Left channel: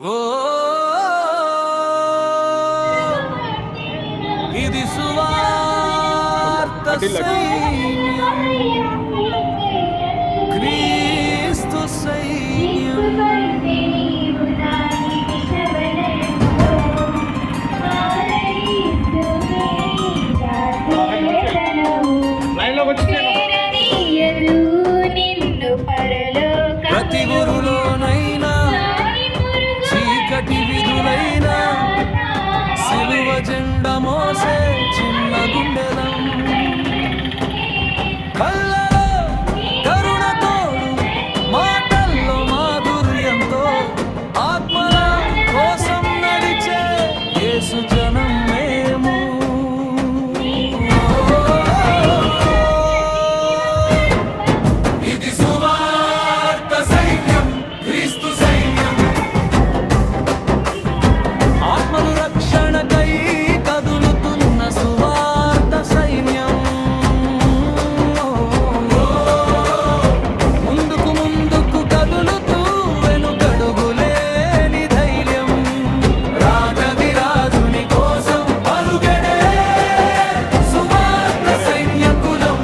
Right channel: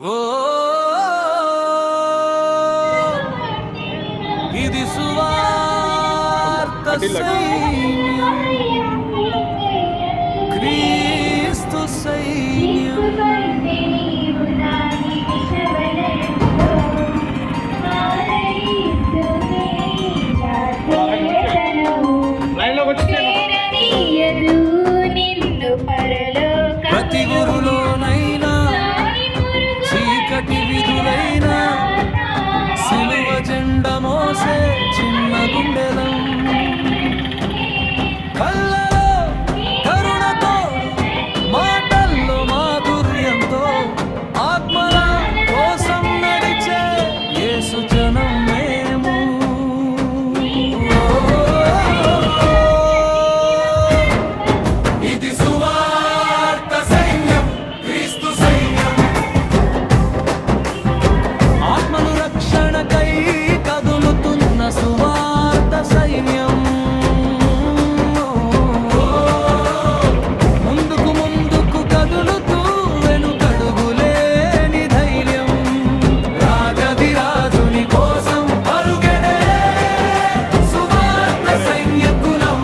ఓ ఇది సువార్త సైన్యం, క్రీస్తు సైన్యం. ప్రతి ఊరులోనైనా చీకటి విధులైనా సిలువ జెండ మోసే చిన్న గుండెలం, కళ్ళలో కరుణతోడు మాటల్లో మాధుర్యంతో ఆత్మల కోసం నడిచే యేసు జనం మేము. ఇది సువార్త సైన్యం, క్రీస్తు సైన్యం. ఆత్మను రక్షణకై కదులుతున్న సువార్త సైన్యం. ముందుకు ముందుకు కదులుతూ వెనుకడుగులేని ధైర్యం. రాజధిరాజుని కోసం పరుగెడే సువార్త సైన్యకులం.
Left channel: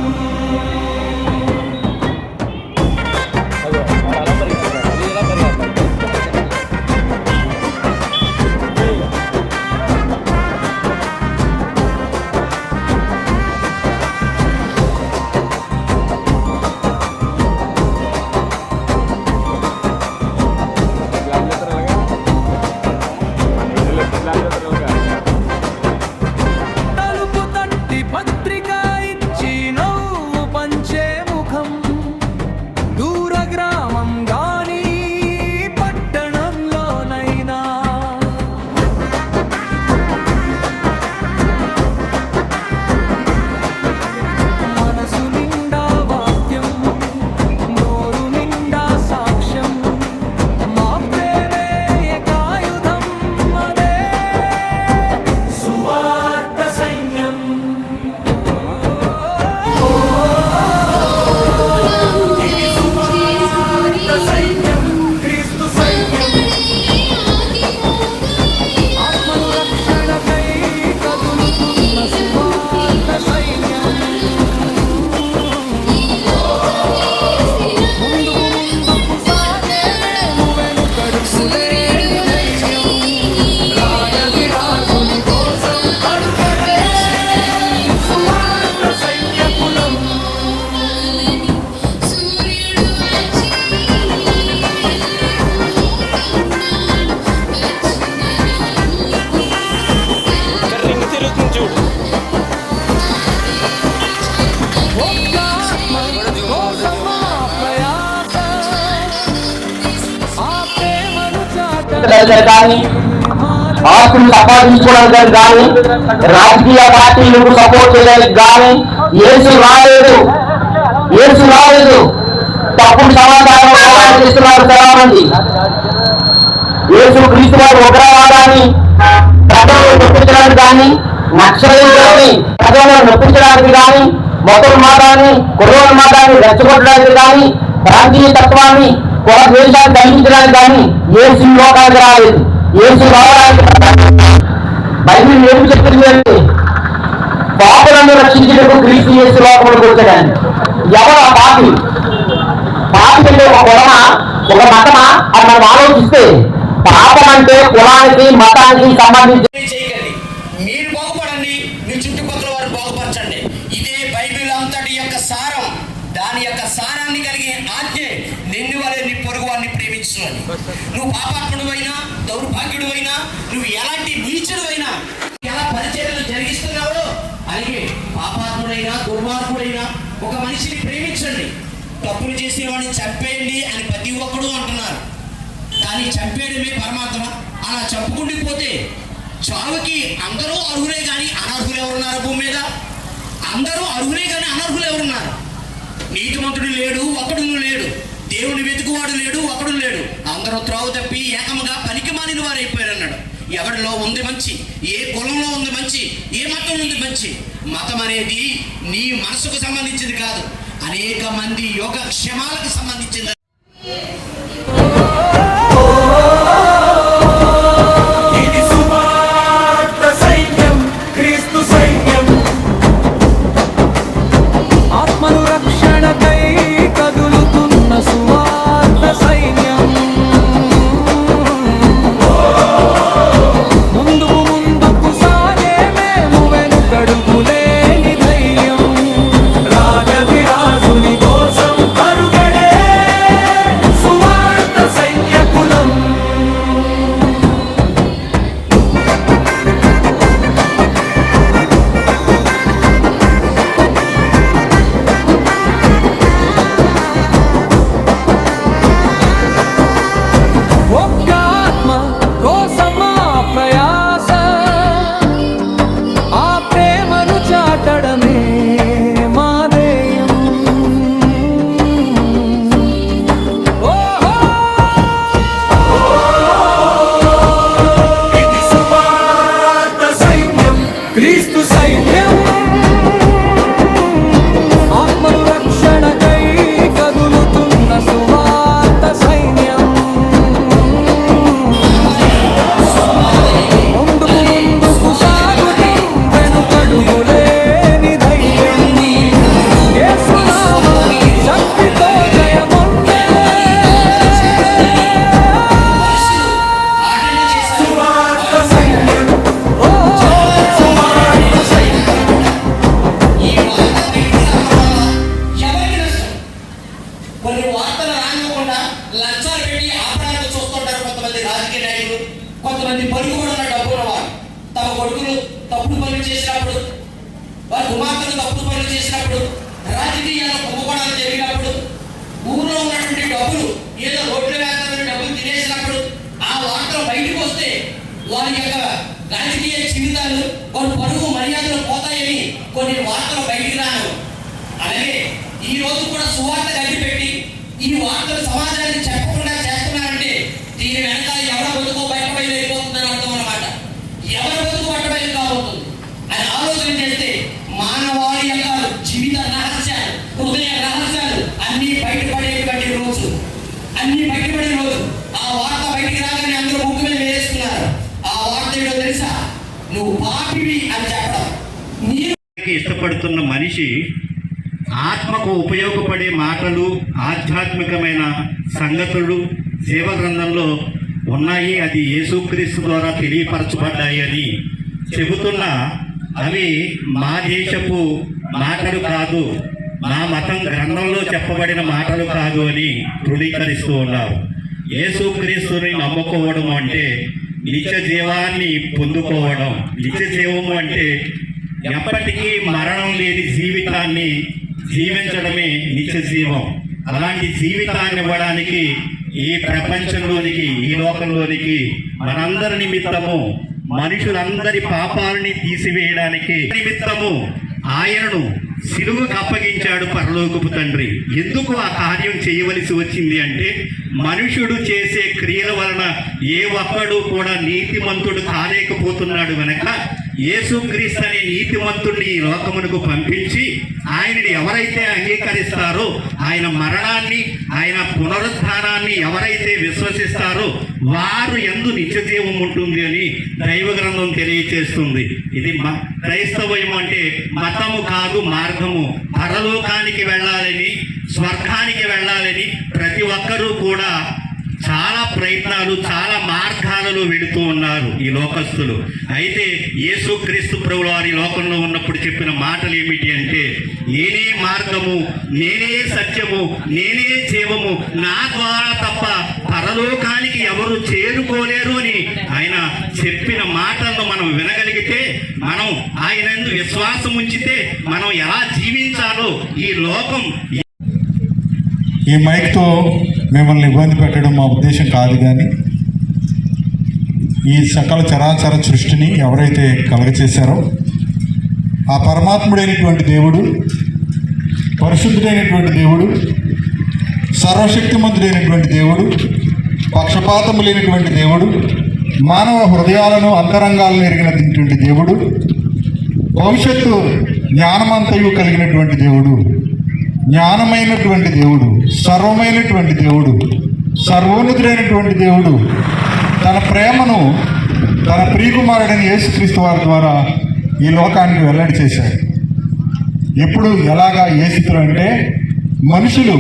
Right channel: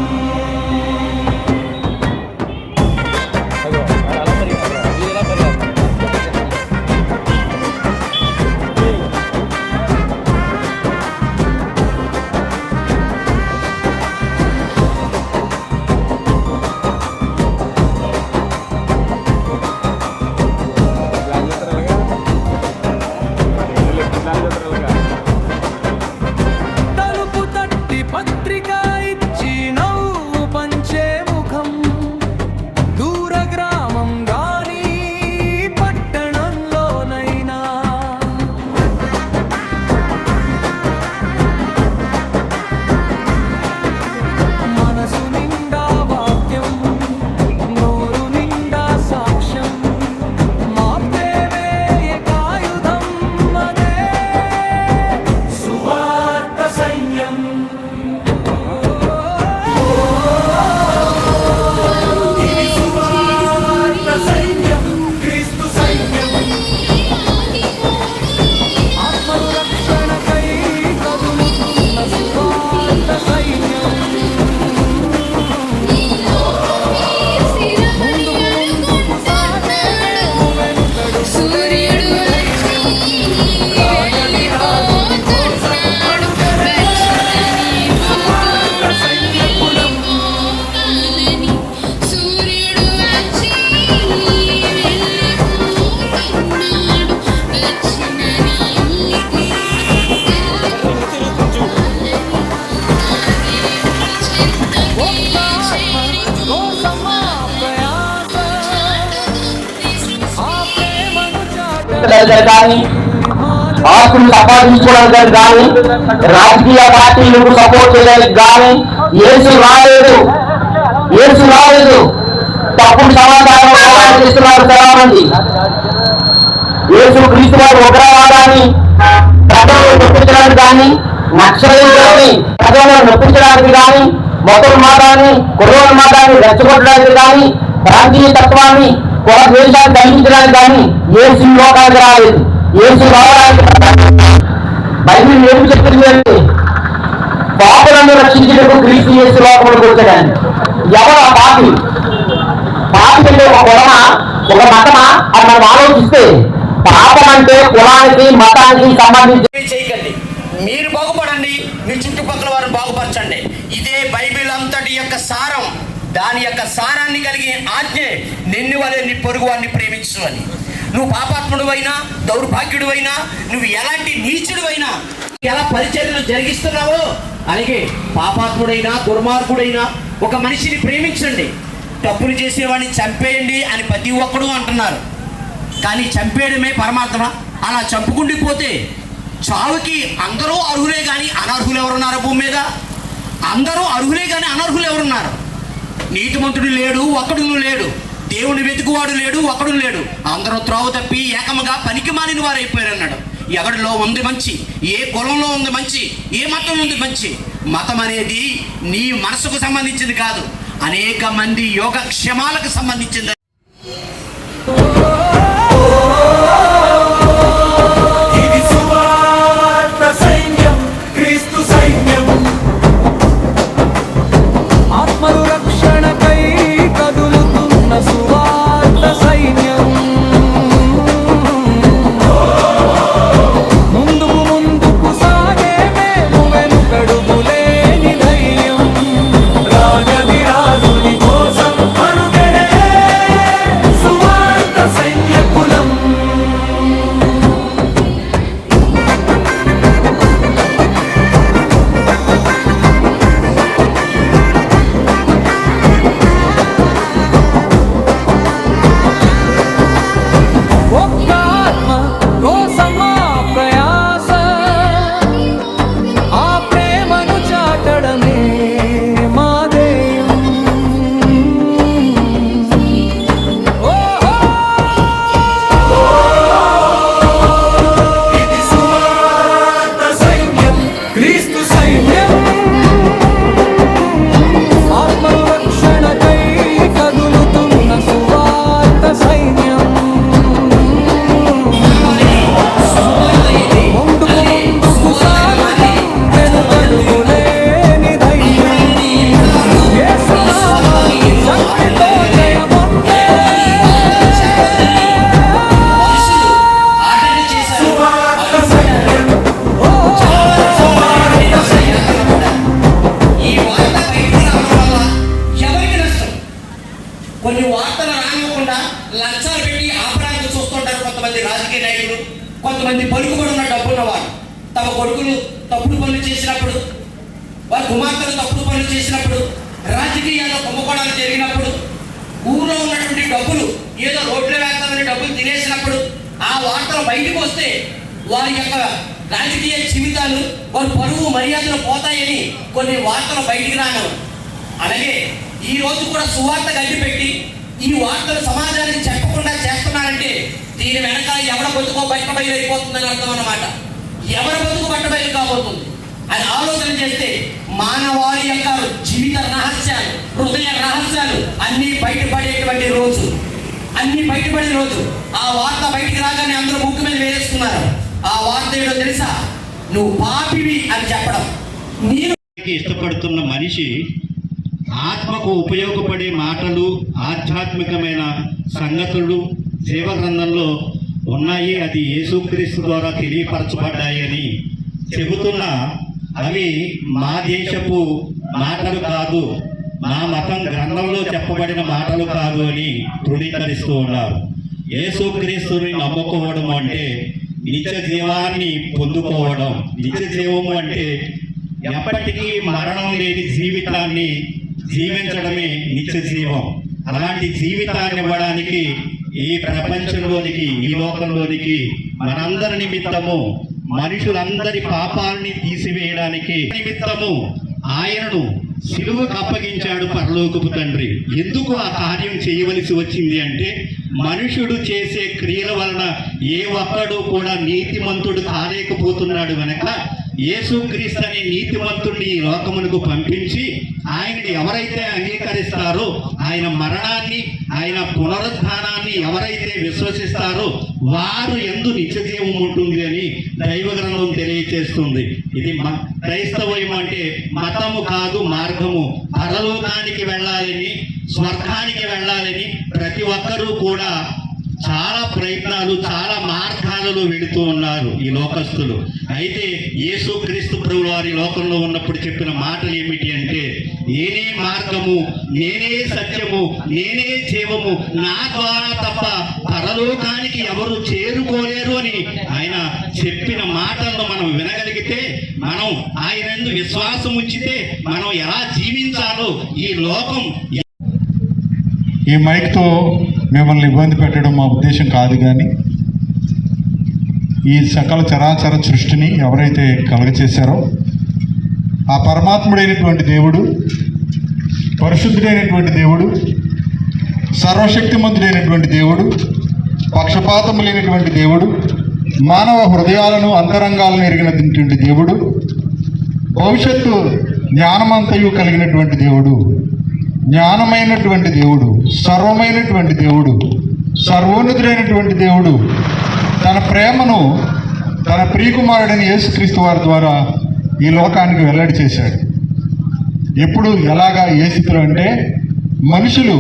తలుపు తట్టి పత్రిక ఇచ్చి నవ్వు పంచే ముఖం. దూర గ్రామం గాని పట్టణంలోనైనా మనసు నిండా వాక్యం, నోరు నిండా సాక్ష్యం. మా ప్రేమే ఏకాయుధం, అదే సువార్త సైన్యం. ఇది సువార్త సైన్యం, క్రీస్తు సైన్యం. ఆత్మను రక్షణకై కదులుతున్న సువార్త సైన్యం. ముందుకు ముందుకు సాగే మేము వెనుకడుగులేని ధైర్యం. రాజధిరాజుని కోసం పడుకడే సువార్త సైన్యకులం. ఒక్క ఆత్మ కోసం ఆ ప్రయాస, ఆ ప్రేమను కానీ ఆస్తులు సంపాదించుకోవడానికి కానీ రాజకీయ పార్టీలకు సపోర్ట్ చేయడానికి కానీ యేసు రాలేదు. తప్పుడు సమాచారం చేస్తున్నారు చాలా మంది. యేసు క్రీస్తు వారు ఉగ్రవాదాన్ని ప్రజలను నొప్పించడానికి కానీ, నక్సలైట్లని ప్రజలను నొప్పించడానికి కానీ, మతోన్మాదాన్ని కుర్రోన్మాదాన్ని రెచ్చగొట్టడానికి కానీ, ప్రాంతీయ తత్వాన్ని కుల ద్వేషాన్ని కలిగించడానికి కానీ యేసు లోకానికి రాలేదు. యేసు రావడానికి బైబిల్ ఏమి చెప్పింది అంటే పాపులను రక్షించేందుకు క్రీస్తు యేసు లోకంలోకి వచ్చాడని. ఎవరు ఆ పాపి? పాపి అంటే ఒక కులమా, ఒక మతమా అని మనం ఆలోచిస్తే పాపం అంటే కులానికి మతానికి సంబంధించి చేయకండి. మీరు బాగుపడండి, మీ చుట్టుపక్కల వారు బాగుపరచండి. ఇదే బైబిల్ అంతటి యొక్క సారం. దాని యొక్క సారాన్ని కలిగి ఆజ్ఞే నిన్ను వలె నీ పొరుగు వారిని ప్రేమించు అని. నువ్వు పాపాత్ముడు అయినా, దౌర్భాగ్యుడు అయినా, నువ్వు ఎలాంటి నీచుడు అయినా, ఎలా పరిచర్యలు జరిగిస్తున్నావో అలాగే పాపాత్ముడైనా దుర్మార్గుడైనా ఒక మనిషిని ప్రేమించండి. తప్పులు చేసేవాడిని చంపేయండి అని ప్రతి ఒక్కడు అంటున్నారు, కానీ చంపేయడమే పరమాత్మ. అలా చంపుకుండిపోతే చావుకి అందరూ అర్హులే కానీ అనర్హులు ఎవరున్నారు భూమి మీద? అందరూ అర్హులే కానీ అనర్హులు ఎవరున్నారు? నీతిమంతుడు లేడు, ఒక్కడును లేడు. దేవుని వెతుకువాడు లేడు, ఒక్కడు లేడు. అందరూ త్రోవ తప్పి ఏకముగా పనికి మాలిన వారు అయిపోయారు అన్నాడు. ఎవరిలో ఉంది మంచి, ఏ కులంలో ఉంది మంచి, ఏ మతంలో ఉంది మంచి? మతం అనేది నీ మనసుకు సంబంధించింది కాదు, అనేక మంది యోగక్షేమాలకు సంబంధించింది. ఒక్క ఆత్మ కోసమా ప్రయాస, ఆ ప్రేమను చాటడమే మా ధ్యేయం. ఓహో ఇది సువార్త సైన్యం, క్రీస్తు సైన్యం, ఆత్మలు రక్షణకై కదులుతున్న సువార్త సైన్యం. ముందుకు ముందుకు సాగుతాం, వెనుకడుగులేని ధైర్యం. యేసునామ శక్తితో జయముందే. ఓ ఈ వార్త బయటికి రావడం వల్ల ఎవరికి నష్టం? కొన్ని వార్తలు రానివ్వకుండా లంచాలు పెట్టి ఆపడానికి చూస్తుంటారు కొంతమంది రాజకీయ నాయకులు, కొంతమంది పలుకుబడున్న డబ్బున్న వారు. తమ కొడుకులు తప్పుడు పనులు చేసినప్పుడు, వారి కుమార్తెలు తప్పుడు పనులు చేసినప్పుడు, రాజకీయాల్లో కుంభకోణాలు జరిగినప్పుడు, ఊళ్ళో ఉన్నటువంటి డబ్బులు ఏదో రోడ్లు వేస్తామని డబ్బులు తినేసినప్పుడు ఆ వార్తలు బయటకు వస్తే వారి యొక్క రాజకీయ జీవితాలు, వారి పరువు మర్యాదలు పోతాయని కొన్ని వార్తలు బయటికి రాను. అలాగే ఈ రోజు కూడా సువార్త గడ్డిపెట్టి ఈ వార్తలు సమాజానికి చెప్పకుండా చేస్తున్నారంటే దీని వెనక ఎవరి బతుకో బయటబయలు అయిపోతుందని అర్థం అన్నమాట. ఎవరి బతుకు బయటబయలు కాబోతుంది అని ఆలోచన చేస్తే మానవాళి యొక్క జీవిత రహస్యాలు, హృదయ రహస్యాలు అన్ని బయటపడేటువంటి రోజు, అన్ని బయటపడే రోజు. ఆ వార్త బయటికి రాగానే అందరూ ముక్కు మీద వేసుకున్నారు. ఆ వార్త ఏదో తెలుసా? నువ్వు పాపివి అని చెప్పడం. మీరు ఇష్టపడుతున్న మనిషి ఆత్మకు ఉపయోగపడే మాటలు, ఆధ్యాత్మికమైన సంగతులు సేవ గ్రంథంలో ఉన్నాయి. అది యేసుక్రీస్తు ద్వారా తెలియపరచబడ్డాయి అని చెబుతున్న అవి మా దేశపు మాటలు కాదు, మా మతం గ్రంథంలో చెప్పబడిన మాటలు కాదు అని ధృవీకరిస్తూ ఉన్నారు. యేసుక్రీస్తుని నమ్ముకోవడం అంటే నిత్య జీవాన్ని పొందుకోవడం. నిత్య జీవము అంటే ఎప్పటికీ మరణం లేని జీవితాన్ని జీవించడమే నిత్య జీవం. అలాంటి జీవితాన్ని ఇవ్వడానికి ఈ ప్రపంచంలోనికి, ఈ లోకంలోనికి మనందరి నిమిత్తము, మనుషులందరి పాపాలని తీసివేయడానికి నిమిత్తము ఆయనను సిలువకు అప్పగించాడు పరలోకపు తండ్రి. ఎందుకు ఆ కార్యం చేయవలసి వచ్చింది అంటే మనుషుడు చేసే క్రియల వలన ఏ ఒక్కడు కూడా నీతిమంతుడు కాలేకపోతున్నాడు గనక యేసుక్రీస్తు అనే నీతిమంతుడిని ఈ లోకమునకు పంపించి ఆయనని ఎవరైతే అంగీకరిస్తారో, ఆయన మరణాన్ని, ఆయన పునరుద్ధానాన్ని ఎవరైతే విశ్వసిస్తారో వారు యందు నిత్య జీవం ఉంటుంది అని దైవ గ్రంథం తెలియచేస్తుంది. ఇది క్రైస్తవం అంటే మతము కాదు, మార్గము. పరలోకానికి వెళ్ళాలని, స్వర్గానికి వెళ్ళాలని ప్రతి ఒక్కరూ కూడా చాలా ప్రయత్నాలు, చాలా మార్గాలలో వెళుతూ ఉన్నారు ఈ లోకస్తులు. అయితే యేసుక్రీస్తు ప్రభువు వారి లోకంలో ఉన్నప్పుడు చెప్పిన మాటలు ఏమిటి అంటే, నేనే మార్గము, నేనే సత్యము, నేనే జీవము, నా ద్వారా తప్ప పరలోకానికి ఎవరు చేరుకోలేరు అని ఆయన చెప్పిన మాటలను మనం వినగలిగితే, మనం ఆయన యందు విశ్వాసం ఉంచితే మనం ఎలా జీవించాలో ఈ లోకం. ఈ మైక్తో మిమ్మల్ని ఇబ్బంది పెట్టడం మా ఉద్దేశం కాదు, కానీ ఈ సకల చరాచర సృష్టిని ఎవరైతే కలగచేశారో ఆ పరమాత్ముడైనటువంటి దేవుడు, పరిశుద్ధుడైనటువంటి దేవుడు, సర్వశక్తిమంతుడైనటువంటి దేవుడు, పక్షపాతము లేనటువంటి దేవుడు, మానవ హృదయాలను, అంతరంగాలను ఎరిగినటువంటి దేవుడు, భవిష్యత్తు జ్ఞానమంతయు కలిగినటువంటి దేవుడు, జ్ఞానమైనటువంటి దేవుడు, సర్వమైనటువంటి దేవుడు, సర్వోన్నతుడైనటువంటి దేవుడు తన ప్రేమను తన ప్రియకుమారుడైన యేసుక్రీస్తు వారి ద్వారా ఈ లోకానికి వెల్లడి చేశాడు. ఎప్పుడు, ఎలాగా, ఏ స్థితిలో అంటే మనుషులు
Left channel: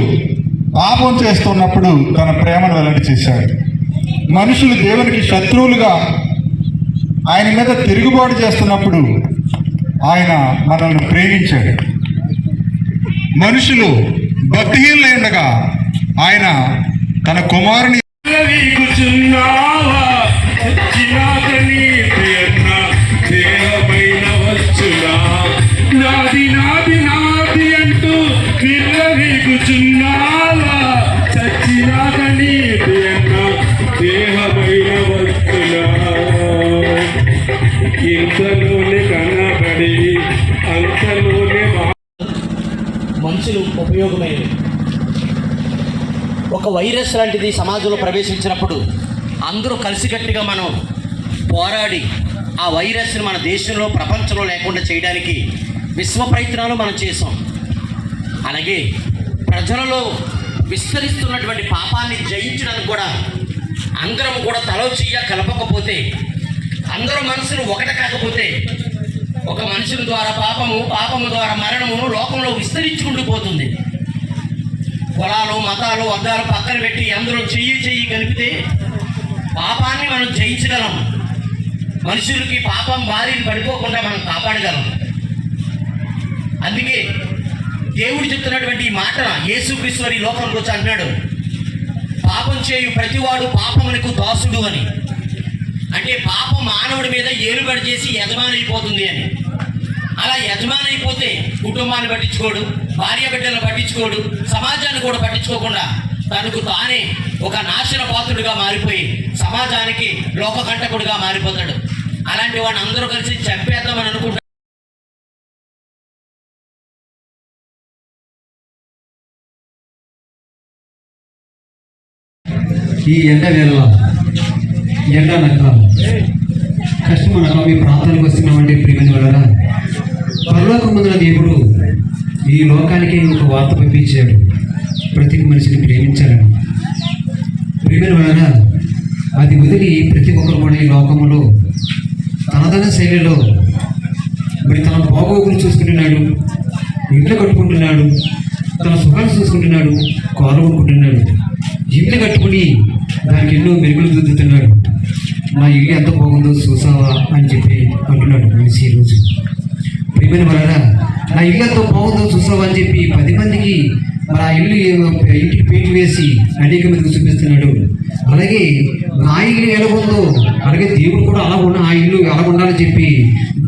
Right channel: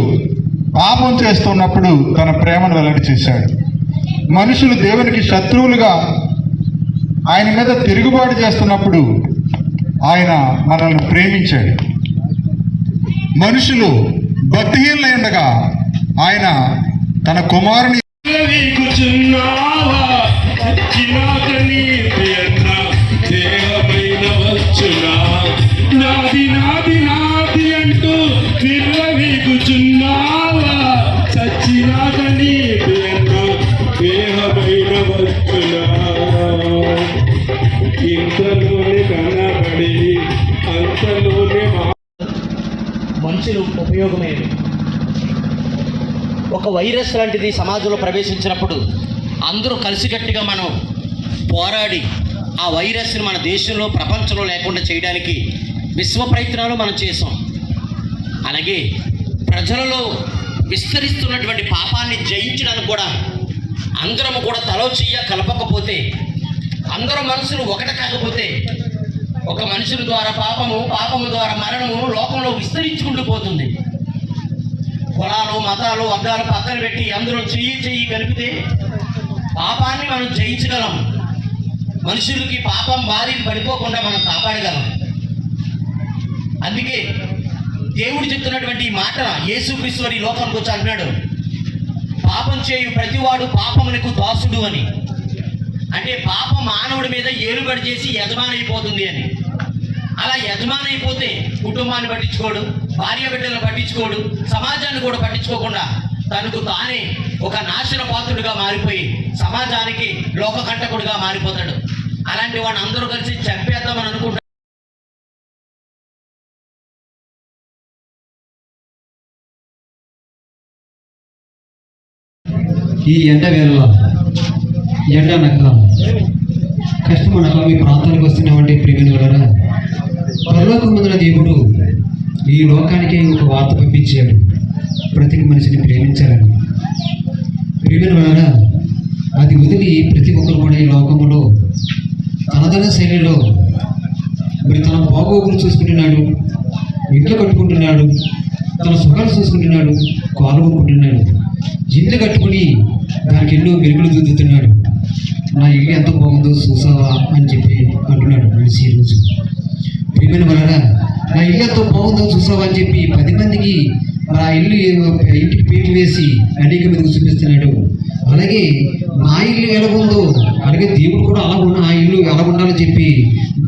పాపం చేస్తున్నప్పుడు తన ప్రేమను వెల్లడి చేశాడు. మనుషులు దేవునికి శత్రువులుగా ఆయన మీద తిరుగుబాటు చేస్తున్నప్పుడు ఆయన మనల్ని ప్రేమించాడు. మనుషులు భక్తిహీనులై ఉండగా ఆయన తన కుమారుని నాది నాది నాది అంటూ విర్రవీగుచున్నావా, చచ్చినాక నీది అన్న వైరస్ లాంటిది సమాజంలో ప్రవేశించినప్పుడు అందరూ కలిసికట్టుగా మనం పోరాడి ఆ వైరస్ని మన దేశంలో ప్రపంచంలో లేకుండా చేయడానికి విశ్వ ప్రయత్నాలు మనం చేసాం. అలాగే ప్రజలలో విస్తరిస్తున్నటువంటి పాపాన్ని జయించడానికి కూడా అందరం కూడా తలో చెయ్య కలపకపోతే, అందరూ మనుషులు ఒకటి కాకపోతే ఒక మనుషుల ద్వారా పాపము ద్వారా మరణము లోకంలో విస్తరించుకుంటూ పోతుంది. కులాలు మతాలు వర్గాలు పక్కన పెట్టి అందరూ చెయ్యి కలిపితే పాపాన్ని మనం జయించగలం. మనుషులకి పాపం బారిని పడిపోకుండా మనం కాపాడగలం. అందుకే దేవుడు చెప్తున్నటువంటి ఈ మాట యేసుక్రీస్తు వారి లోకంలోకి వచ్చి అంటున్నాడు, పాపం చేయు ప్రతివాడు పాపమునకు దాసుడు అని. అంటే పాపం మానవుడి మీద ఏలుబడి చేసి యజమాని అయిపోతుంది అని. అలా యజమాని అయిపోతే కుటుంబాన్ని పట్టించుకోడు, భార్య బిడ్డలను పట్టించుకోడు, సమాజాన్ని కూడా పట్టించుకోకుండా తనకు తానే ఒక నాశన పాత్రుడిగా మారిపోయి సమాజానికి లోకకంటకుడిగా మారిపోతాడు. అలాంటి వాడిని అందరూ కలిసి చంపేద్దామని అనుకుంటారు. ఈ ఎండ వేళ ఎండ నక్క కష్టం అనగా మీ ప్రాంతానికి వస్తున్నామంటే ప్రేమిని వలన పరలోకముందున దేవుడు ఈ లోకానికి ఒక వార్త పంపించాడు, ప్రతి మనిషిని ప్రేమించాలని. ప్రేమిని వలన అది వదిలి ప్రతి ఒక్కరు కూడా ఈ లోకములో తనదన శైలిలో మరి తన బాగోగులు చూసుకుంటున్నాడు, ఇల్లు కట్టుకుంటున్నాడు, తన సుఖాలు చూసుకుంటున్నాడు, కాలు కొనుక్కుంటున్నాడు. ఇల్లు కట్టుకుని దానికి ఎన్నో మెరుగులు దిద్దుతున్నాడు. నా ఇల్లు ఎంత బాగుందో చూసావా అని చెప్పి అంటున్నాడు మనిషి ఈరోజు. ప్రేమని వలన నా ఇల్లు ఎంతో బాగుందో చూసావా అని చెప్పి 10 మందికి ఆ ఇంటికి పేరు వేసి అనేక మందికి చూపిస్తున్నాడు. అలాగే నా ఇల్లు ఎలాగుందో అలాగే దేవుడు కూడా ఆ ఇల్లు ఎలా ఉండాలని చెప్పి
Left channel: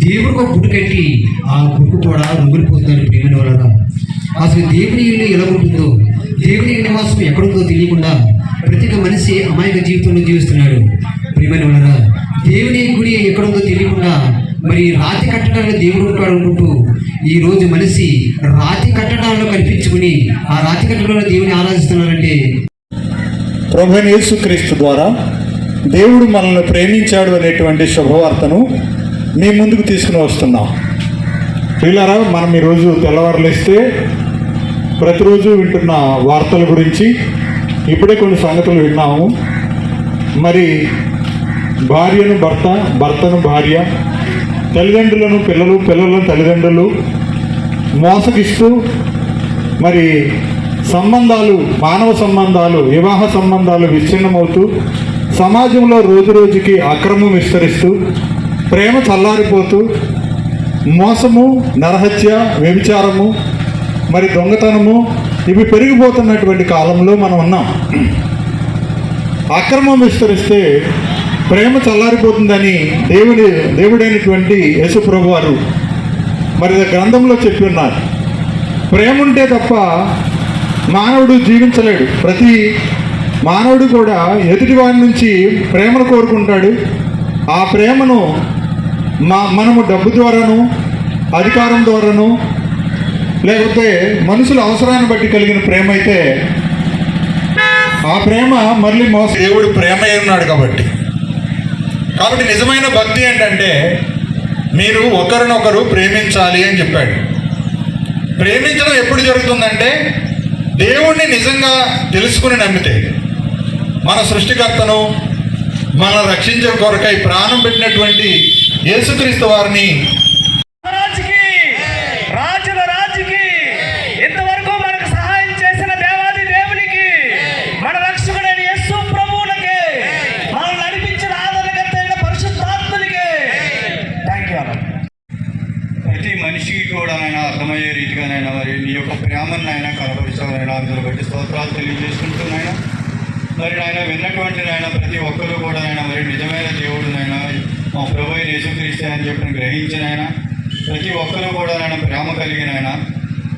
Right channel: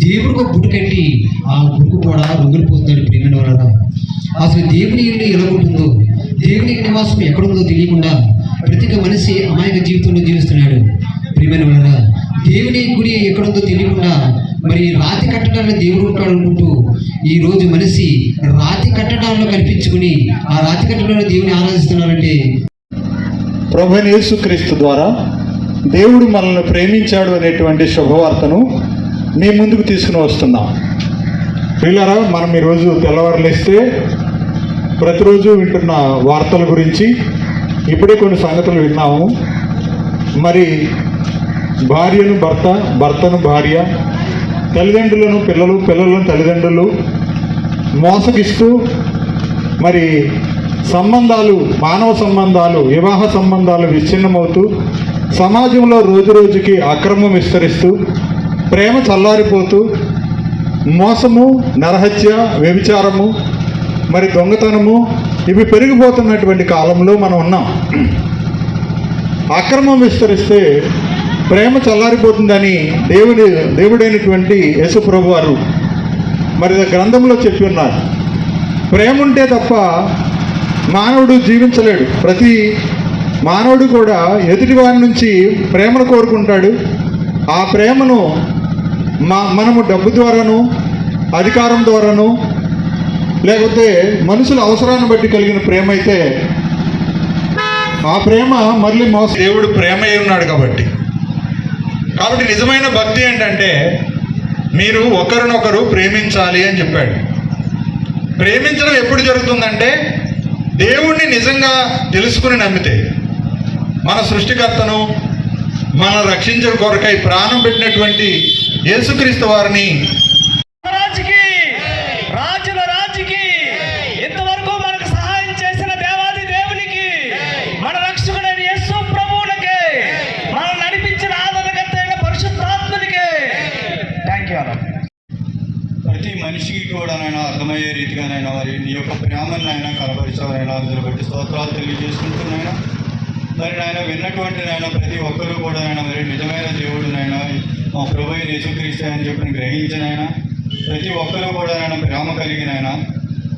దేవుడు ఒక గుడి కట్టి ఆ గుడికి కూడా రొంగిలిపోతున్నాడు. ప్రేమని వలన అసలు దేవుని ఇల్లు ఎలా ఉంటుందో, దేవుని నివాసం ఎక్కడుందో తెలియకుండా ప్రతి మనిషి అమాయక జీవితంలో జీవిస్తున్నాడు. ప్రియమైన వలన దేవుని గుడి ఎక్కడుందో తెలియకుండా మరి రాతి కట్టడాన్ని దేవుడు ఉంటాడు అనుకుంటూ ఈరోజు మనిషి రాతి కట్టడాల్లో కనిపించుకుని ఆ రాతి కట్టడంలో దేవుని ఆరాధిస్తున్నారంటే ప్రభువైన యేసుక్రీస్తు ద్వారా దేవుడు మనల్ని ప్రేమించాడు అనేటువంటి శుభవార్తను మీ ముందుకు తీసుకుని వస్తున్నాం. పిల్లరా, మనం ఈరోజు తెల్లవారులేస్తే ప్రతిరోజు వింటున్న వార్తల గురించి ఇప్పుడే కొన్ని సంగతులు విన్నాము. మరి భార్యను భర్త, భర్తను భార్య, తల్లిదండ్రులను పిల్లలు, పిల్లలను తల్లిదండ్రులు మోసగిస్తూ మరి సంబంధాలు, మానవ సంబంధాలు, వివాహ సంబంధాలు విచ్ఛిన్నమవుతూ సమాజంలో రోజు రోజుకి అక్రమం విస్తరిస్తూ ప్రేమ చల్లారిపోతూ మోసము, నరహత్య, వ్యభిచారము, మరి దొంగతనము ఇవి పెరిగిపోతున్నటువంటి కాలంలో మనం ఉన్నాం. అక్రమం విస్తరిస్తే ప్రేమ చల్లారిపోతుందని దేవుడైనటువంటి యేసుప్రభు వారు మరి గ్రంథంలో చెప్పి ఉన్నారు. ప్రేమ ఉంటే తప్ప మానవుడు జీవించలేడు. ప్రతి మానవుడు కూడా ఎదుటి వారి నుంచి ప్రేమను కోరుకుంటాడు. ఆ ప్రేమను మనము డబ్బు ద్వారాను, అధికారం ద్వారాను, లేకపోతే మనుషుల అవసరాన్ని బట్టి కలిగిన ప్రేమ అయితే ఆ ప్రేమ మళ్ళీ దేవుడు ప్రేమ ఉన్నాడు కాబట్టి నిజమైన భక్తి ఏంటంటే మీరు ఒకరినొకరు ప్రేమించాలి అని చెప్పాడు. ప్రేమించడం ఎప్పుడు జరుగుతుందంటే దేవుణ్ణి నిజంగా తెలుసుకుని నమ్మితే, మన సృష్టికర్తను మన రక్షించే కొరకై ప్రాణం పెట్టినటువంటి యేసుక్రీస్తు వారిని మనిషికి కూడా నైనా అర్థమయ్యే రీతిగానైనా మరి నీ యొక్క ప్రేమనైనా కనపరిచాలైనా అందులో బట్టి స్తోత్రాలు తెలియజేసుకుంటున్నాయినా. మరి ఆయన విన్నటువంటి నాయన ప్రతి ఒక్కరూ కూడా నాయన మరి నిజమైన దేవుడునైనా మా ప్రభువైన యేసుక్రీస్తు అని చెప్పి గ్రహించినైనా ప్రతి ఒక్కరూ కూడా నాయన ప్రేమ కలిగినైనా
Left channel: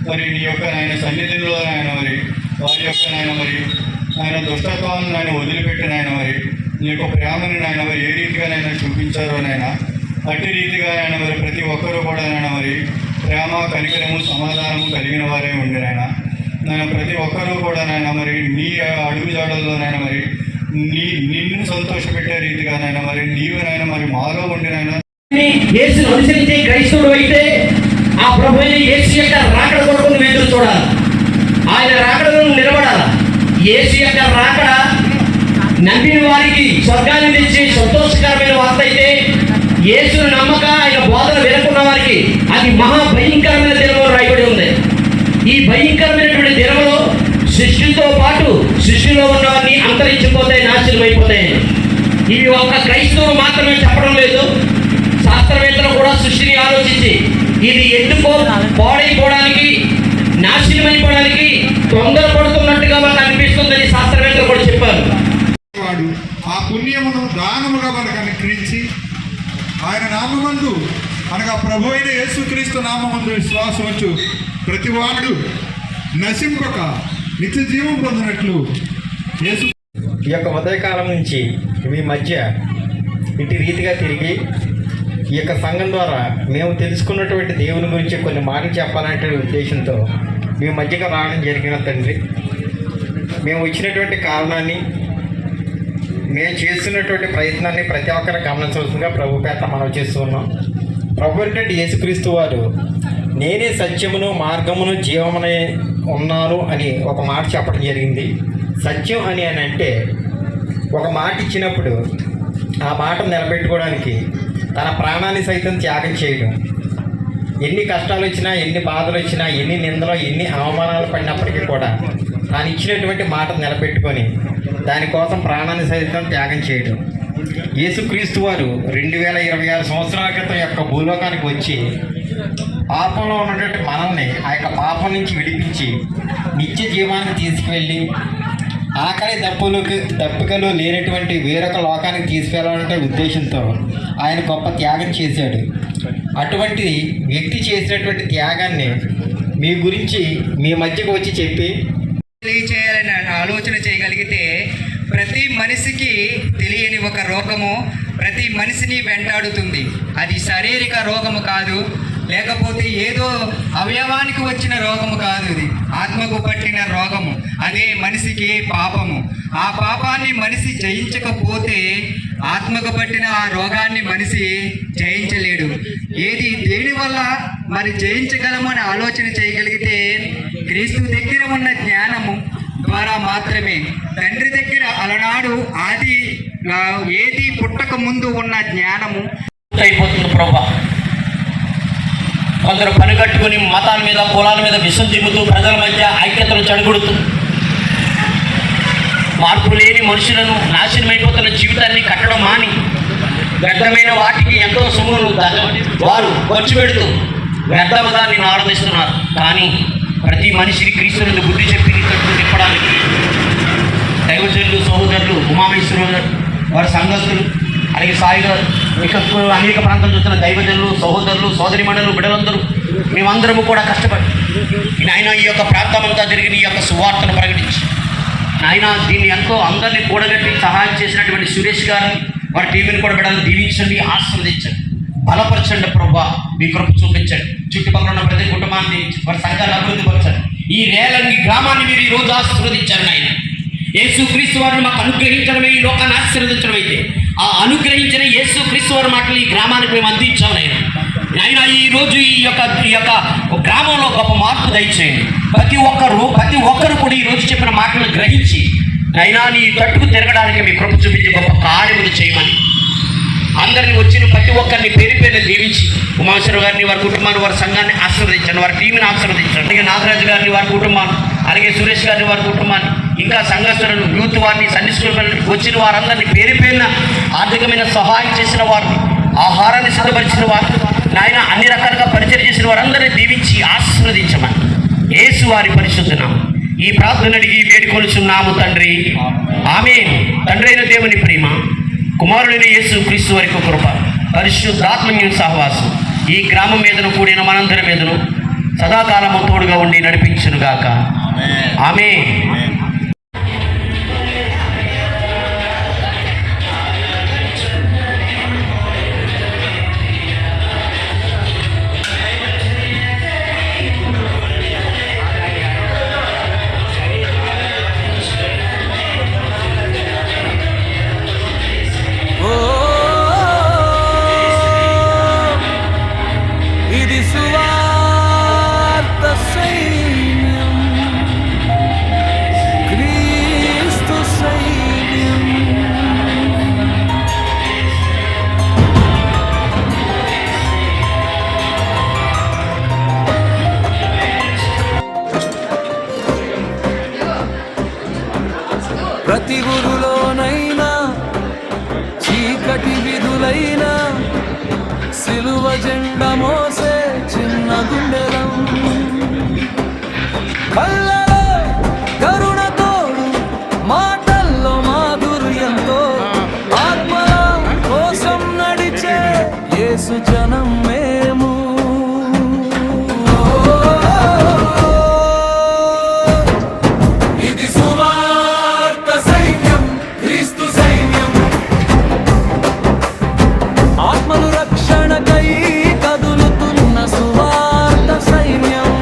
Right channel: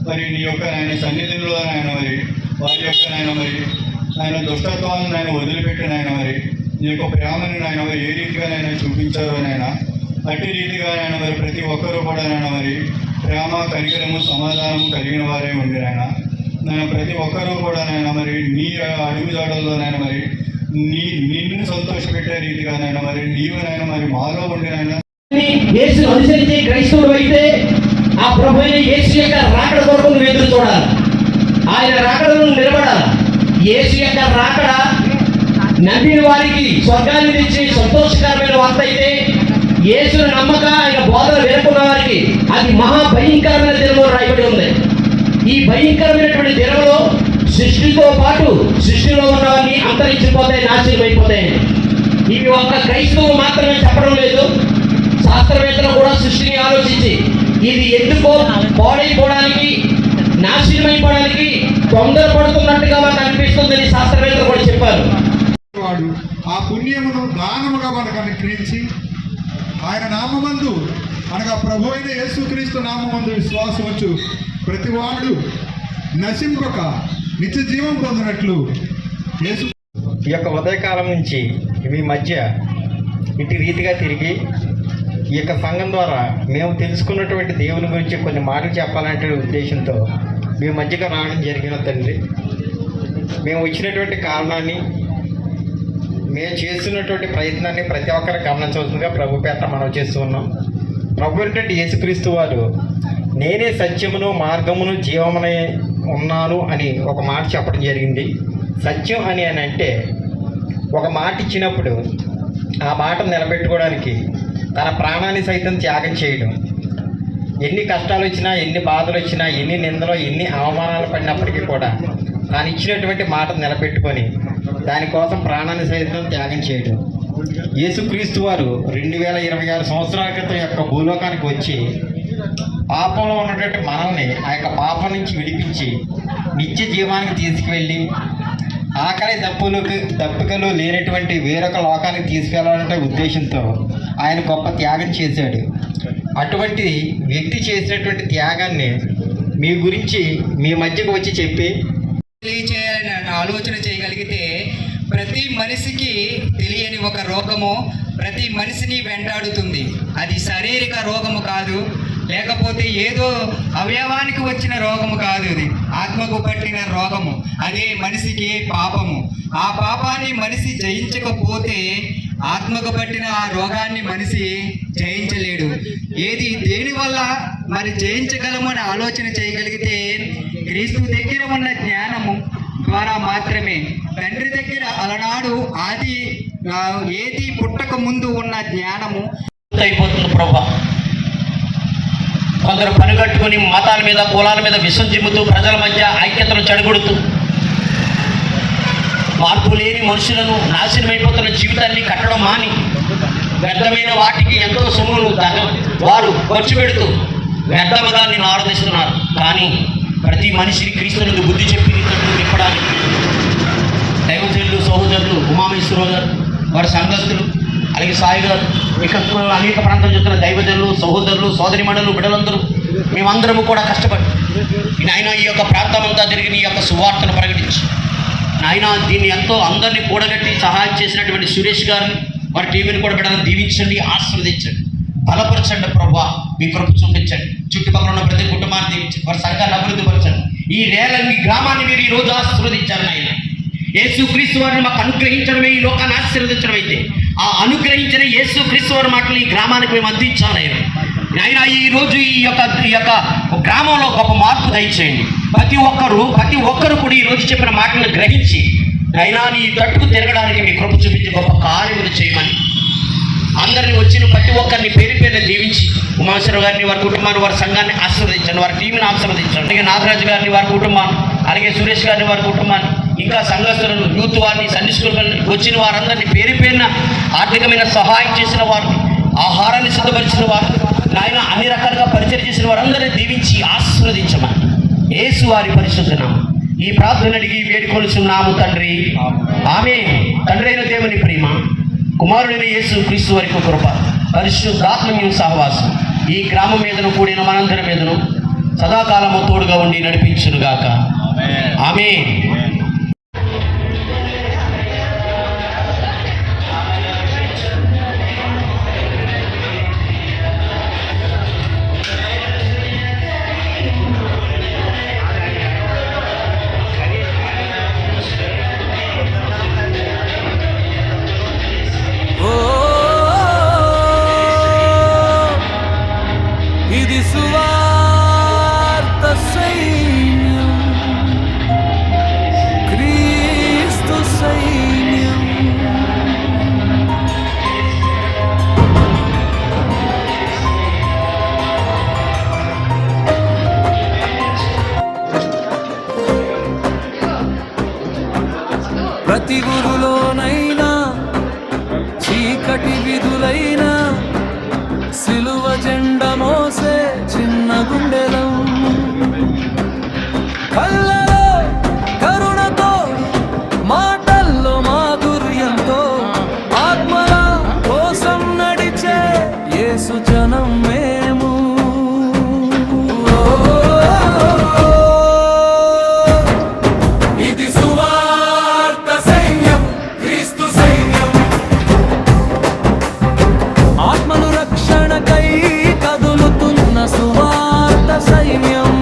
మరి నీ యొక్క ఆయన సన్నిధిలో నాయన మరి వారి యొక్క నాయన మరి ఆయన దుష్టత్వాలను ఆయన వదిలిపెట్టినైనా మరి నీ యొక్క ప్రేమని నాయన మరి ఏ రీతిగానైనా చూపించారో నైనా అట్టి రీతిగా ఆయన మరి ప్రతి ఒక్కరూ కూడా ఆయన మరి ప్రేమ, కనికరము, సమాధానము కలిగిన వారే ఉండినైనా నేను ప్రతి ఒక్కరూ కూడా నేను మరి నీ అడుగుజాడల్లో నేను మరి నిన్ను సంతోషపెట్టే రీతిగా నేను మరి నీవునైనా మరి మాలో ఉండినైనా యేసును అనుసరించే క్రైస్తవుడు అయితే ఆ ప్రభు అయిన యేసు యొక్క రాకడ కొరకు నువ్వు ఎదురు చూడాలి. ఆయన రాకడను నిలబడాలి. యేసు యొక్క రాకడ నమ్మిన వారికి స్వర్గాన్ని తెచ్చే సంతోషకరమైన వార్త అయితే, యేసును నమ్మక ఆయన బోధన వినకున్న వారికి అది మహా భయంకరమైన దినము రాయబడి ఉంది. ఈ భయంకరమైనటువంటి దినములో సృష్టితో పాటు సృష్టిలో ఉన్నవన్నీ అంతరించిపోతాయి, నాశనం అయిపోతాయి. ఇవి ఒక్క క్రైస్తవులు మాత్రమే చెప్పడం లేదు. శాస్త్రవేత్తలు కూడా సృష్టిని ఆలోచించి ఇది ఎందుకో పాడైపోవడానికి, నాశనమైపోవడానికి తొందరపడుతున్నట్టుగా మనకు అనిపిస్తుందని శాస్త్రవేత్తలు కూడా చెప్పారు. వాడు ఆ పుణ్యమును దానముగా మనకు అనుగ్రహించి ఆయన నామమందు అనగా ప్రభు అయిన యేసుక్రీస్తు నామమందు విశ్వాసం వచ్చు ప్రతి వాడు నశింపక నిత్య జీవం పొందినట్లు యేసు ఈ యొక్క ఉదయకాలం నుంచి మీ మధ్య ఇటు రీతిగా తిరిగి ఈ యొక్క సంఘం ద్వారా మేము తెలుసుకున్నటువంటి దేవుని గురించి కొన్ని మాటలు చెప్పాలనే ఉద్దేశంతో మీ మధ్యగా రావడం జరిగిన తండ్రి, మేము వచ్చినటువంటి కారణాన్ని, మేము చేస్తున్నటువంటి ప్రయత్నాన్ని ప్రతి ఒక్కరు గమనించవలసిందిగా ప్రభు పేట మనం చేస్తూ ఉన్నాం. ప్రభు అంటే యేసుక్రీస్తు వారు నేనే సత్యమును మార్గమును జీవమునే ఉన్నాను అని ఒక మాట చెప్పడం జరిగింది. సత్యం అని అంటే ఒక మాట ఇచ్చినప్పుడు ఆ మాట నిలబెట్టుకోవడానికి తన ప్రాణాన్ని సైతం త్యాగం చేయడం. ఎన్ని కష్టాలు వచ్చినా, ఎన్ని బాధలు వచ్చినా, ఎన్ని నిందలు, ఎన్ని అవమానాలు పడినప్పటికీ కూడా తాను ఇచ్చినటువంటి మాట నిలబెట్టుకొని దానికోసం ప్రాణాన్ని సైతం త్యాగం చేయడం. యేసుక్రీస్తు వారు 2026 సంవత్సరాల క్రితం యొక్క భూలోకానికి వచ్చి పాపంలో ఉన్నటువంటి మనల్ని ఆ యొక్క పాపం నుంచి విడిపించి నిత్య జీవానికి తీసుకువెళ్ళి ఆకలి దప్పుకలు లేనటువంటి వేరొక లోకానికి తీసుకెళ్లాలనే ఉద్దేశంతో ఆయన గొప్ప త్యాగం చేశాడు. అటువంటి వ్యక్తి చేసినటువంటి త్యాగాన్ని మీ గురించి మీ మధ్యకు వచ్చి చెప్పి తెలియచేయాలని ఆలోచన చేయగలిగితే, ప్రతి మనిషికి తెలియని ఒక రోగము ప్రతి మనిషిని వెంటాడుతుంది. అది శారీరక రోగము కాదు, లేకపోతే ఏదో అవయవానికి వచ్చిన రోగము కాదు, అది ఆత్మకు పట్టిన రోగము. అదే మనిషికి పాపము. ఆ పాపాన్ని మనిషి జయించకపోతే ఆత్మకు పట్టిన ఆ రోగాన్ని మనిషి జయించలేడు. దేని వల్ల మరి జయించగలమని ఆలోచన చేయగలిగితే, క్రీస్తు దగ్గర ఉన్న జ్ఞానము ద్వారా మాత్రమే. తండ్రి దగ్గర అలనాడు ఏది పుట్టక ముందు ఉన్న జ్ఞానము అయిపోతుంది. ప్రభా, కొందరు పనిగట్టుకుని మతాల మీద, కులాల మీద విషం దిగుతూ ప్రజల మధ్య ఐక్యతను చెడగొడుతూ మార్పు లేని మనుషులను, నాశనమైపోతున్న జీవితాన్ని కట్టడం మాని వ్యర్థమైన వాటికి ఎంతో సొమ్మును వారు ఖర్చు పెడుతూ వ్యర్థముగా నిన్ను ఆరాధిస్తున్నారు. కానీ ప్రతి మనిషికి క్రీస్తుని బుద్ధి చెప్పి నింపడానికి దైవజనులు, సహోదరులు, ఉమామేశ్వరరావు గారు, వారి సంఘస్థులు, అలాగే సాయి గారు, ఇక అనేక ప్రాంతాలు చూస్తున్న దైవజనులు, సహోదరులు, సోదరిమణులు, బిడ్డలందరూ మేమందరము కూడా కష్టపడి నాయన ఈ యొక్క ప్రాంతం అంతా తిరిగి నీ యొక్క సువార్తను ప్రకటించి నాయన దీన్ని ఎంతో అందరినీ కూడగట్టి సహాయం చేసినటువంటి సురేష్ గారిని, వారి టీవీని కూడా బిడ్డలను దీవించండి, ఆస్వాదించండి, బలపరచండి. ప్రభా, మీ కృప చూపించండి. చుట్టుపక్కల ఉన్న ప్రతి కుటుంబాన్ని దీవించండి, వారి సంఘాన్ని అభివృద్ధి పరచండి. ఈ రేలంగి గ్రామాన్ని మీరు ఈ రోజు ఆశీర్వదించారు నాయన. యేసుక్రీస్తు వారిని మాకు అనుగ్రహించడమే ఈ లోకాన్ని ఆశీర్వదించడం అయితే, ఆ అనుగ్రహించిన యేసుక్రీస్తు వారి మాటలు ఈ గ్రామానికి మేము అందించాము నాయన. ఈ రోజు ఈ యొక్క గ్రామంలో గొప్ప మార్పు దయచేయండి. ప్రతి ఒక్కరు కూడా ఈ రోజు చెప్పిన మాటలు గ్రహించి అయినా నీ తట్టుకు తిరగడానికి మీ కృప చూపించి గొప్ప కార్యములు చేయమని అందరిని వచ్చిన ప్రతి ఒక్కరిని పేరు పేరున దీవించి ఉమాశ్వరరావు గారిని, వారి కుటుంబాన్ని, వారి సంఘాన్ని ఆశీర్వదించండి, వారి టీంని ఆశీర్వదించండి. అలాగే నాగరాజు గారిని, వారి కుటుంబాన్ని, అలాగే సురేష్ గారిని, వారి కుటుంబాన్ని, ఇంకా సంఘస్థులను, యూత్ వారిని, సండే స్కూల్ వచ్చిన వారందరినీ పేరు పేరున ఆర్థికమైన సహాయం చేసిన వారిని, ఆహారాన్ని సిద్ధపరిచిన వారిని, ఆయన అన్ని రకాలుగా పరిచయం చేసిన వారందరినీ దీవించి ఆశీర్వదించమని యేసు వారి పరిశుద్ధ నామమున ఈ ప్రార్థన అడిగి వేడుకొనుచున్నాము తండ్రి, ఆమేన్. తండ్రి అయిన దేవుని ప్రేమ, కుమారుడైన యేసు క్రీస్తు వారి కృప, పరిశుద్ధాత్మ సహవాసం ఈ గ్రామం మీదను కూడిన మనందరి మీదను సదాకాలము తోడుగా ఉండి నడిపించునుగాక. ఆమేన్. ప్రతి ఊరులోనైనా చీకటి విధులైనా సిలువ జెండ మోసే చిన్న గుండెలం కళ్ళలో కరుణ తోడు మాటల్లో మాధుర్యంతో ఆత్మల కోసం నడిచే యేసు జనం మేము ఇది సువార్త సైన్యం క్రీస్తు సైన్యం ఆత్మలు రక్షణకై కదులుతున్న సువార్త సైన్యం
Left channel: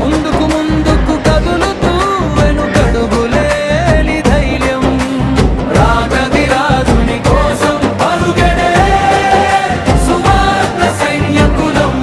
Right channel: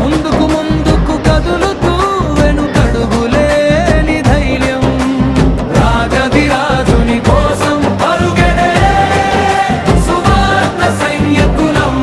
ముందుకు ముందుకు కదులుతూ వెనుకడుగులేని ధైర్యం రాజధిరాజుని కోసం పరుగెడే సువార్త సైన్యకులం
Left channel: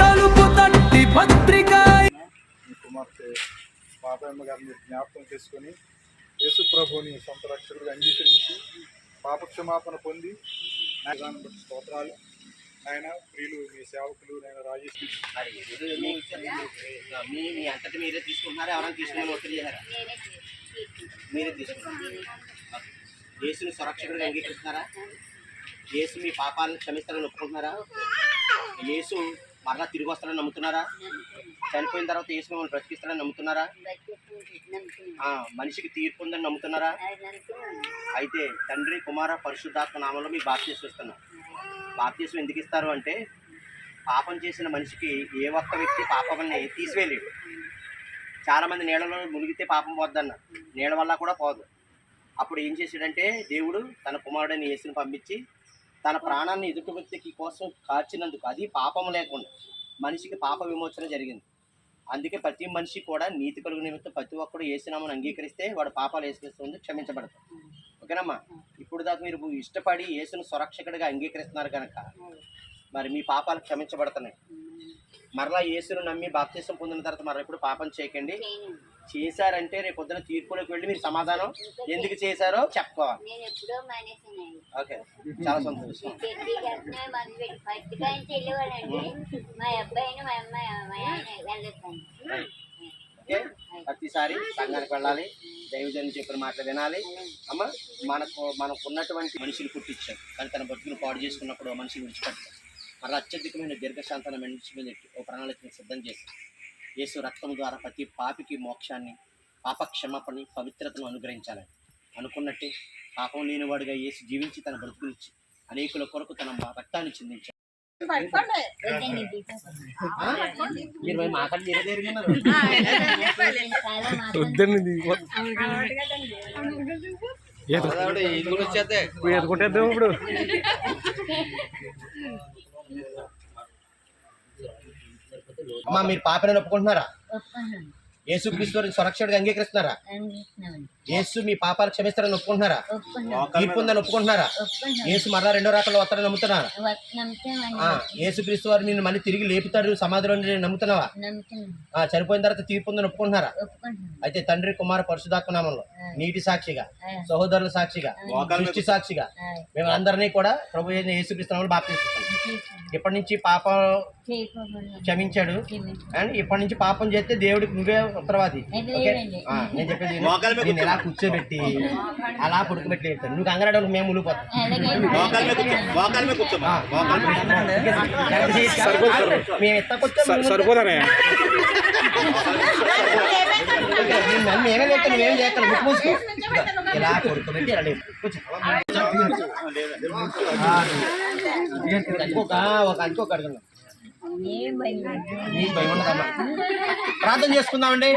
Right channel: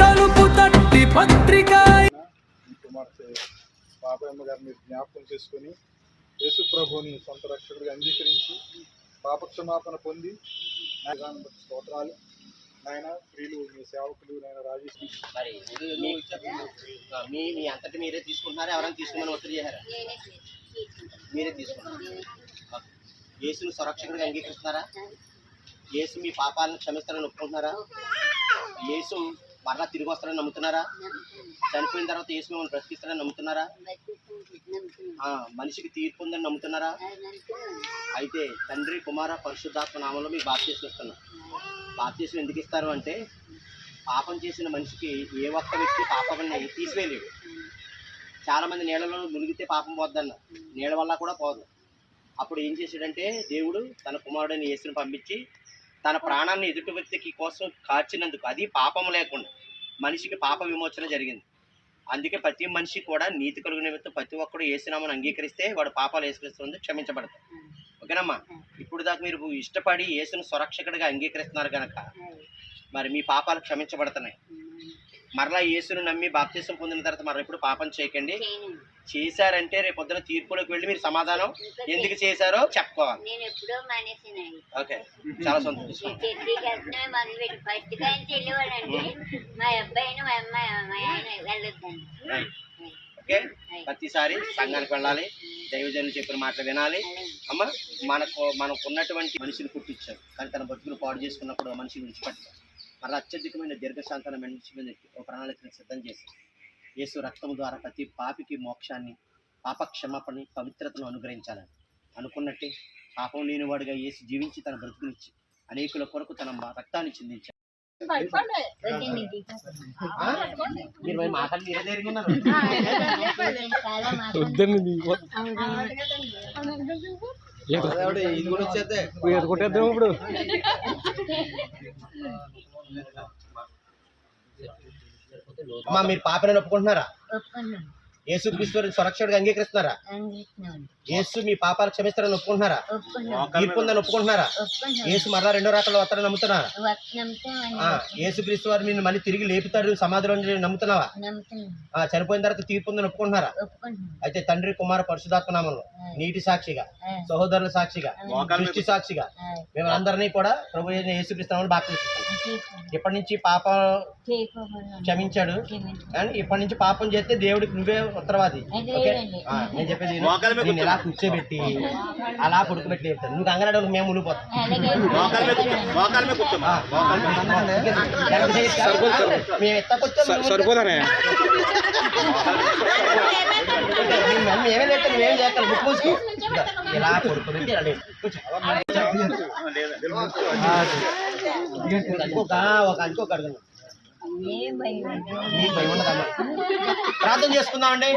తలుపు తట్టి పత్రిక కుమార్తె పాపమ్మ గారిని జ్ఞాపకం చేసుకొని యేసు ప్రభువుని సొంత రక్షకుడిగా అంగీకరించి పాపక్షమాపణ పొంది విధానం బట్టి స్తోత్రాలు. నాయన ప్రియులు మీ సేవకులు నాయన రాజేష్ మరి మీ అంతటి మీరే తీసుకుంటున్నారా? ఎవరైనా తీసుకుని ఒత్తిడి చేశారా? మీరే తీసుకున్నారు. యేసుని సురక్షకుడిగా అంగీకరిస్తున్నారా? యేసు మీ పాపాలను క్షమిస్తారని ఒప్పుకుంటున్నారా? యేసు మరలా తిరిగి వస్తారని నమ్ముతున్నారా? చనిపోయిన తర్వాత యేసు మిమ్మల్ని బ్రతికిస్తారని నమ్ముతున్నారా? మనిషికి తీర్పు ఉందని నమ్ముతున్నారా? అయితే తండ్రి కుమార పరిశుద్ధాత్మ నామంలో మీకు బాప్తీసం ఇస్తున్నారు. బాప్తీసం ఎందుకు ఇస్తారు అంటే పాపం చేసిన మనిషికి ఏ ఒక్క వ్యక్తి పాపాన్ని తీసివేయలేడు. చాలామంది నీళ్ళలో మునిగితే పాపం పోద్దన్న, నీళ్ళ వల్ల కూడా పోదు. అప్పుడు ఏం చేశాడంటే దేవుడు తన కుమారుడిని యేసుని పంపించి తన ప్రాణాన్ని ఎదుటి వ్యక్తికి కోసం కార్చినందుకు, అది పాపం లేకుండా మనిషికి పాప విమోచన జరిగింది. అందుకే ప్రతి మనిషి కూడా నీతి కలుగు నిమిత్తం ప్రతి ఒక్కరు యేసునామను అంగీకరిస్తే వాడు పాపాలు యేసుక్రీస్తు క్షమించబడతాయి. ఓకేనమ్మా? ఇప్పుడు దాకా మీరు ఇష్టపడి యేసును సురక్షకుడిగా అంగీకరిస్తున్నారు కనుక మరి మీ పాపాలు క్షమించబడుతున్నాయి. మరలా యేసును నమ్మి బాప్తీసం పొందిన తర్వాత మరి ఎప్పుడు పాపం చేయకండి. చేశారంటే రేపు పొద్దున తీర్పులోకి వెళ్ళి మీరు సమాధానం ఎందుకు చేశారో చెప్పుకోవాలి. ఓకే, చాలా సంతోషం. ఓకే, ప్రతిసారి సంఘానికి వెళ్ళాలి, దైవజనులు చెప్పిన మాటలు వినాలి. అమ్మ, మనకు ఉన్నటువంటి మనిషిని పుట్టించాడు కానీ తన బతుకును పాడు చేసుకున్నప్పుడు మనిషిని విడిచిపెట్టాడు. మరి అత్యధికమైన దీర్ఘశాంతన మనిషి మీద ఒక ప్రణాళికను సిద్ధం చేశాడు. యేసు రక్తం ద్వారా ప్రతి పాపికి మోక్షాన్ని, పాప క్షమాపణని, పవిత్రతను అనుగ్రహించాలని అనుకున్నట్టే పాపం లేనివాడుగా యేసు జీవించి తన బ్రతుకునిచ్చి అనేకుల కొరకు తన రక్తాన్ని చిందించాడు. మీరు మాట్లాడి మీరే జరిగినారు. ఇప్పుడు అమ్మా, మీరు పాపని ఒప్పుకుంటున్నారా? యేసుక్రీస్తు సురక్షకుడిగా అంగీకరిస్తున్నారా? యేసు మీ పాపాలు క్షమిస్తారని ఒప్పుకుంటున్నారా? తీర్పు ఉందని ఒప్పుకుంటున్నారా? యేసు మరలా రెండో రాకల్లో వస్తారని నమ్ముతున్నారా? యేసుక్రీస్తు వారు నిన్ను మళ్ళీ తిరిగి లేపుతారు సమాధిలో నమ్ముతున్నావా? చనిపోయిన తర్వాత తీర్పు ఉందని ఒప్పుకుంటున్నారా? అయితే తండ్రి కుమార పరిశుద్ధాత్మ నామంలో నీటి సాక్షిగా, సహోదరుల సాక్షిగా, దృష్టి సాక్షిగా మేము అందరినీ కూడా ప్రభు అయిన యేసుక్రీస్తు నామంలో బాప్తిస్తున్నాం. ఇప్పటి నుంచి పాపం క్షమించాడు అండ్ ఇప్పటి నుంచి పాపం చేస్తే దేవుడికి నువ్వే ఉత్తరవాది. నేను చెప్పేది నేను ఎలా కూర్చోబెట్టి అలా పడుకోబెట్టి చెప్తాను. నువ్వు కంగారు మేము మునిగిపోతాం. మేము ఎత్తకొచ్చాం మేమే లేక నువ్వేం చేస్తాను. బుక్ మూసుకో, ఇలా పడుకోబెట్టి ఒక అడుగున్నాం. ప్రార్థన చేసుకుందామండి.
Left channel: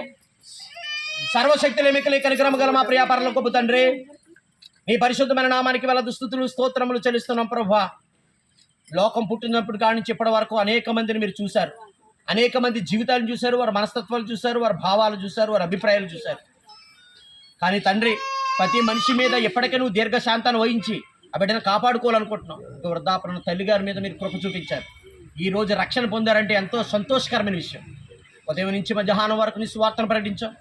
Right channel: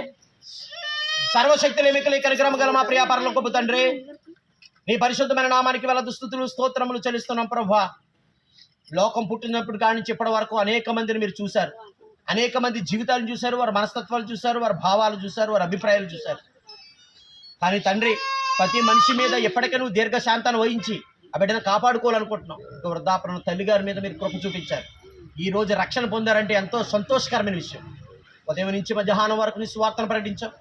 సర్వశక్తులు ఎమికలు కనికరమ గల మా ప్రియ పరలోకపు తండ్రి, నీ పరిశుద్ధమైన నామానికి వేల దుస్తుతులు స్తోత్రములు చెల్లిస్తున్నాం ప్రభువా. లోకం పుట్టినప్పుడు కాడి నుంచి ఇప్పటి వరకు అనేక మందిని మీరు చూశారు, అనేక మంది జీవితాలను చూశారు, వారి మనస్తత్వాలు చూశారు, వారి భావాలు చూశారు, వారి అభిప్రాయాలు చూశారు. కానీ తండ్రి ప్రతి మనిషి మీద ఎప్పటికీ నువ్వు దీర్ఘశాంతాన్ని వహించి ఆ బిడ్డను కాపాడుకోవాలనుకుంటున్నావు. ఒక వృద్ధాపన తల్లి గారి మీద మీరు కృప చూపించారు. ఈ రోజు రక్షణ పొందారంటే ఎంతో సంతోషకరమైన విషయం. ఉదయం నుంచి మధ్యాహ్నం వరకు నీ సువార్తను ప్రకటించాం.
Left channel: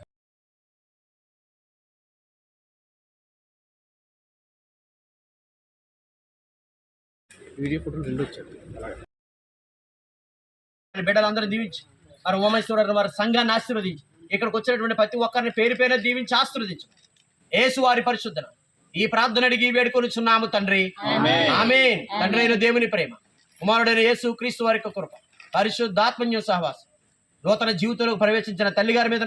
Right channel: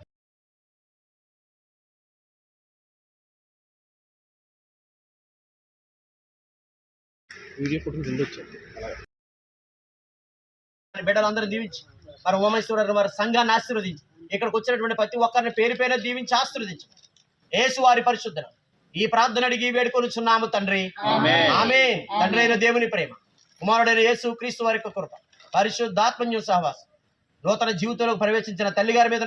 బిడ్డలందరూ దీవించి మరి ఉమేశ్వరరావు వారి సంఘాన్ని ఆశీర్వదించి ఇక్కడికి వచ్చినటువంటి ప్రతి ఒక్కరిని పేరు పేరు దీవించి ఆశీర్వదించు. యేసు వారి పరిశుద్ధన ఈ ప్రార్థన అడిగి వేడుకొనిచున్నాము తండ్రి, ఆమేన్. తండ్రి అయిన దేవుని ప్రేమ, కుమారుడైన యేసు క్రీస్తు వారి యొక్క కృప, పరిశుద్ధాత్మన్య సహవాసం నూతన జీవితంలోకి ప్రవేశించిన తల్లి గారి మీద